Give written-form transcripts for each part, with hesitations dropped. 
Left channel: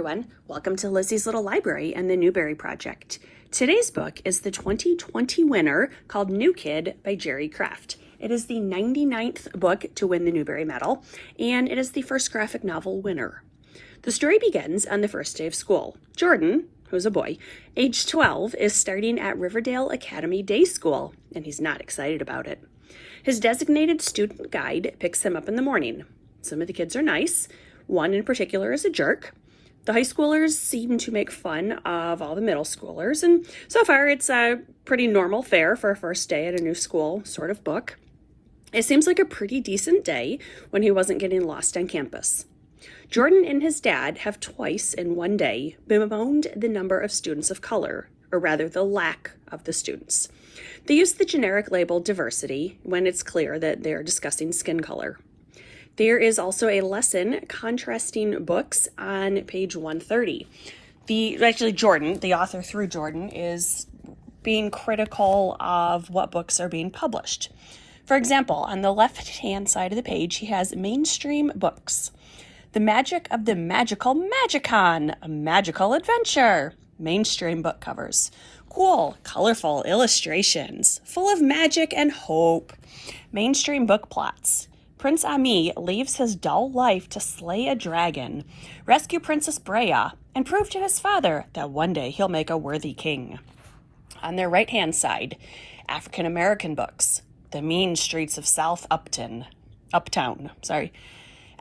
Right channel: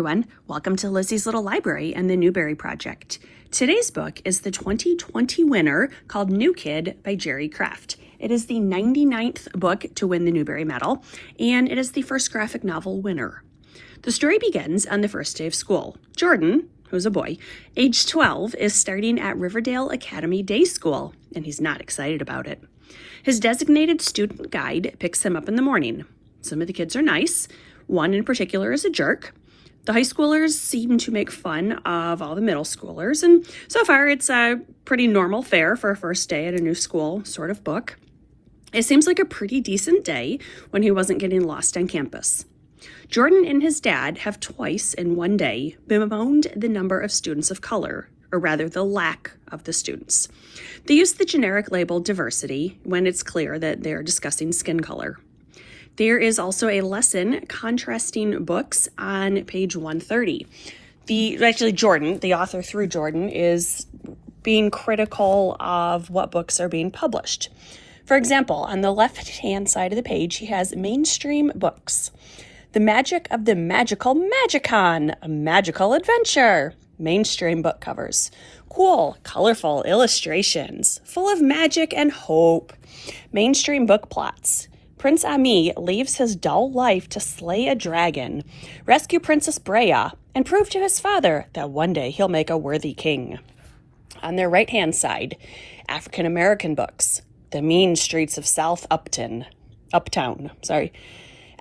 everyone, welcome to Lizzie's Little Library and the Newbery Project. Today's book is the 2020 winner called New Kid by Jerry Craft. It is the 99th book to win the Newbery Medal, and it is the first graphic novel winner. The story begins on the first day of school. Jordan, who's a boy, age 12, is starting at Riverdale Academy Day School, and he's not excited about it. His designated student guide picks him up in the morning. Some of the kids are nice. One in particular is a jerk. The high schoolers seem to make fun of all the middle schoolers, and so far it's a pretty normal fare for a first day at a new school sort of book. It seems like a pretty decent day when he wasn't getting lost on campus. Jordan and his dad have twice in one day bemoaned the number of students of color, or rather the lack of the students. They use the generic label diversity when it's clear that they're discussing skin color. There is also a lesson contrasting books on page 130. Jordan, the author through Jordan, is being critical of what books are being published. For example, on the left-hand side of the page, he has mainstream books. The Magic of the Magical Magicon, a magical adventure. Mainstream book covers. Cool, colorful illustrations, full of magic and hope. Mainstream book plots. Prince Ami leaves his dull life to slay a dragon, rescue Princess Brea, and prove to his father that one day he'll make a worthy king. On their right-hand side, African American books. The Mean Streets of South Uptown.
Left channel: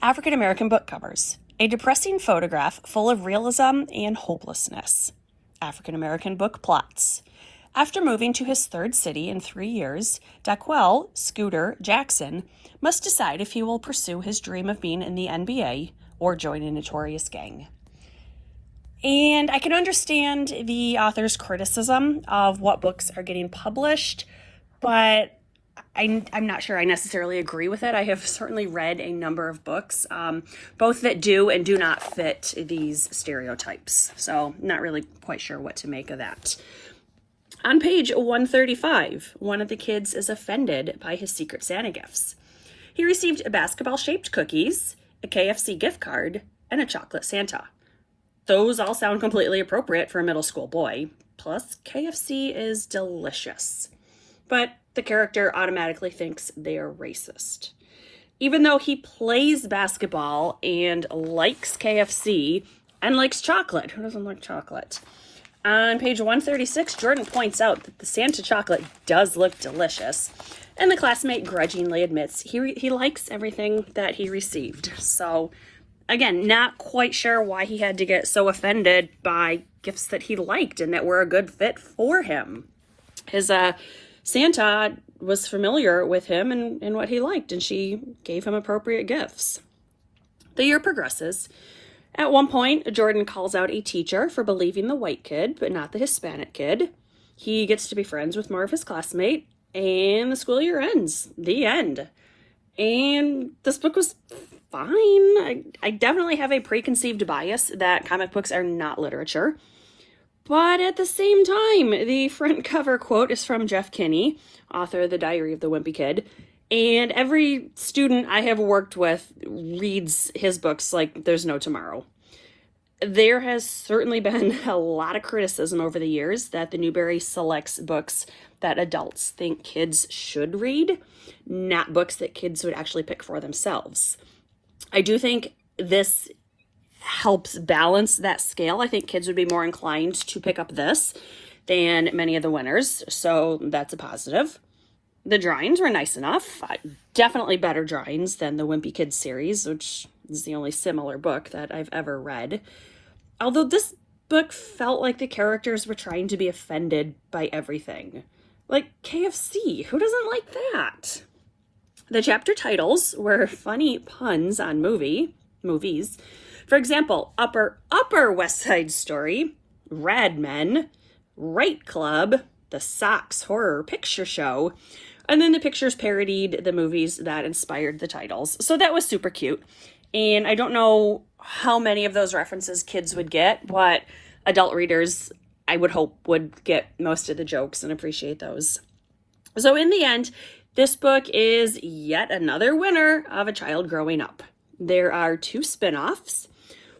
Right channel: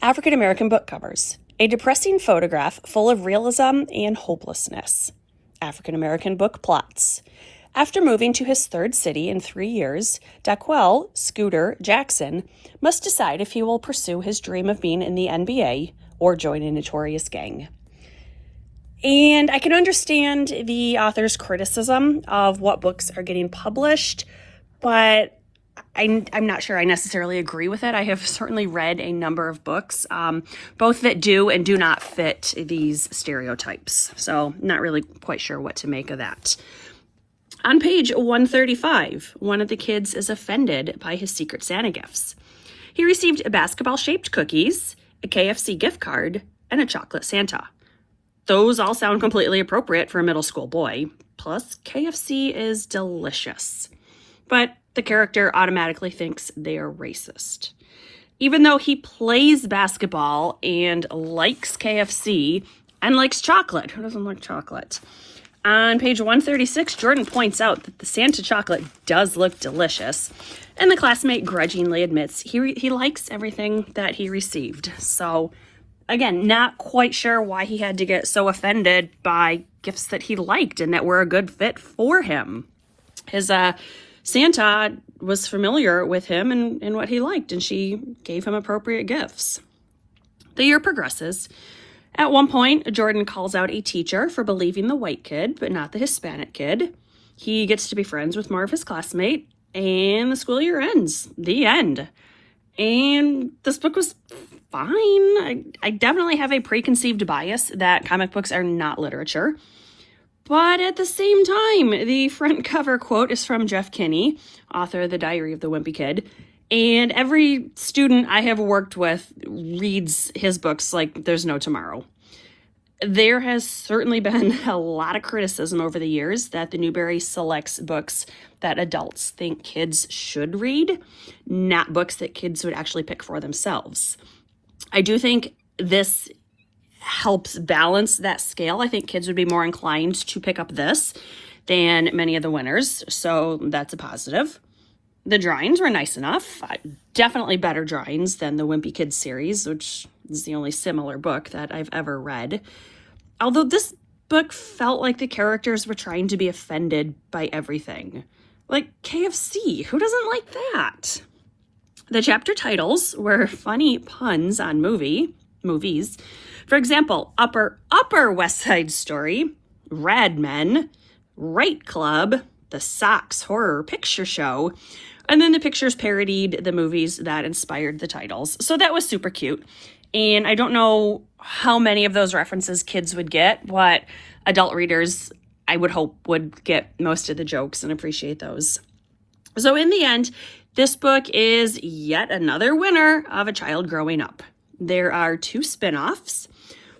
African American book covers. A depressing photograph full of realism and hopelessness. African American book plots. After moving to his third city in 3 years, Daquel Scooter Jackson must decide if he will pursue his dream of being in the NBA or join a notorious gang. And I can understand the author's criticism of what books are getting published, but I'm not sure I necessarily agree with it. I have certainly read a number of books, both that do and do not fit these stereotypes. So not really quite sure what to make of that. On page 135, one of the kids is offended by his Secret Santa gifts. He received basketball-shaped cookies, a KFC gift card, and a chocolate Santa. Those all sound completely appropriate for a middle school boy. Plus, KFC is delicious. But the character automatically thinks they are racist. Even though he plays basketball and likes KFC and likes chocolate. Who doesn't like chocolate? On page 136, Jordan points out that the Santa chocolate does look delicious, and the classmate grudgingly admits he likes everything that he received. So, again, not quite sure why he had to get so offended by gifts that he liked and that were a good fit for him. His Santa was familiar with him and what he liked, and she gave him appropriate gifts. The year progresses. At one point, Jordan calls out a teacher for believing the white kid, but not the Hispanic kid. He gets to be friends with more of his classmate, and the school year ends. The end. And this book was fine. I definitely have a preconceived bias that comic books are not literature. But at the same time, the front cover quote is from Jeff Kinney, author of The Diary of the Wimpy Kid. And every student I have worked with reads his books like there's no tomorrow. There has certainly been a lot of criticism over the years that the Newbery selects books that adults think kids should read, not books that kids would actually pick for themselves. I do think this helps balance that scale. I think kids would be more inclined to pick up this than many of the winners, so that's a positive. The drawings were nice enough. Definitely better drawings than the Wimpy Kids series, which is the only similar book that I've ever read. Although this book felt like the characters were trying to be offended by everything. Like KFC, who doesn't like that? The chapter titles were funny puns on movies. For example, Upper West Side Story, Rad Men, Right Club, The Sox Horror Picture Show, and then the pictures parodied the movies that inspired the titles. So that was super cute. And I don't know how many of those references kids would get, but adult readers, I would hope, would get most of the jokes and appreciate those. So in the end, this book is yet another winner of a child growing up. There are 2 spin-offs.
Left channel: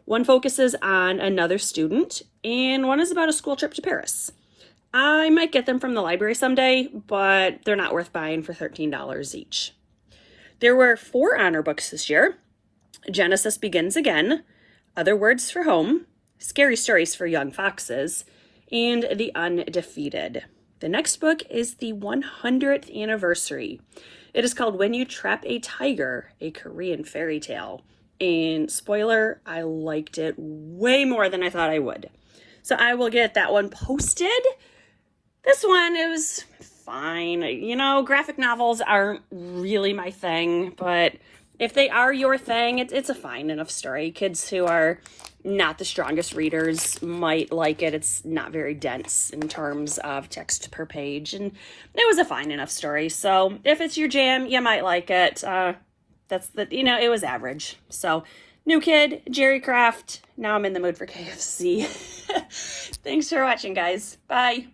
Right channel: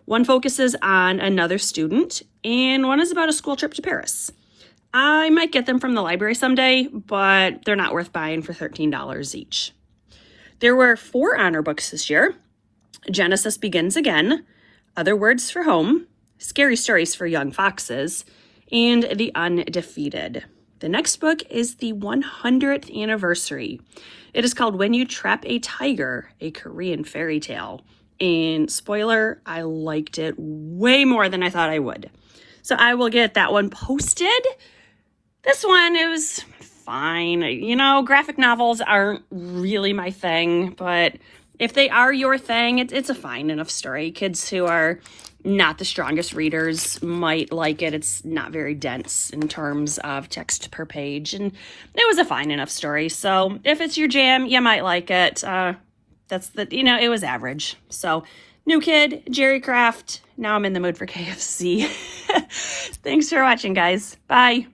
One focuses on another student, and one is about a school trip to Paris. I might get them from the library someday, but they're not worth buying for $13 each. There were 4 honor books this year: Genesis Begins Again, Other Words for Home, Scary Stories for Young Foxes, and The Undefeated. The next book is the 100th anniversary. It is called When You Trap a Tiger, a Korean fairy tale. And spoiler, I liked it way more than I thought I would. So I will get that one posted. This one, it was fine. You know, graphic novels aren't really my thing, but if they are your thing, it's a fine enough story. Kids who are not the strongest readers might like it. It's not very dense in terms of text per page, and it was a fine enough story. So if it's your jam, you might like it. It was average. So New Kid, Jerry Craft. Now I'm in the mood for KFC. Thanks for watching, guys. Bye.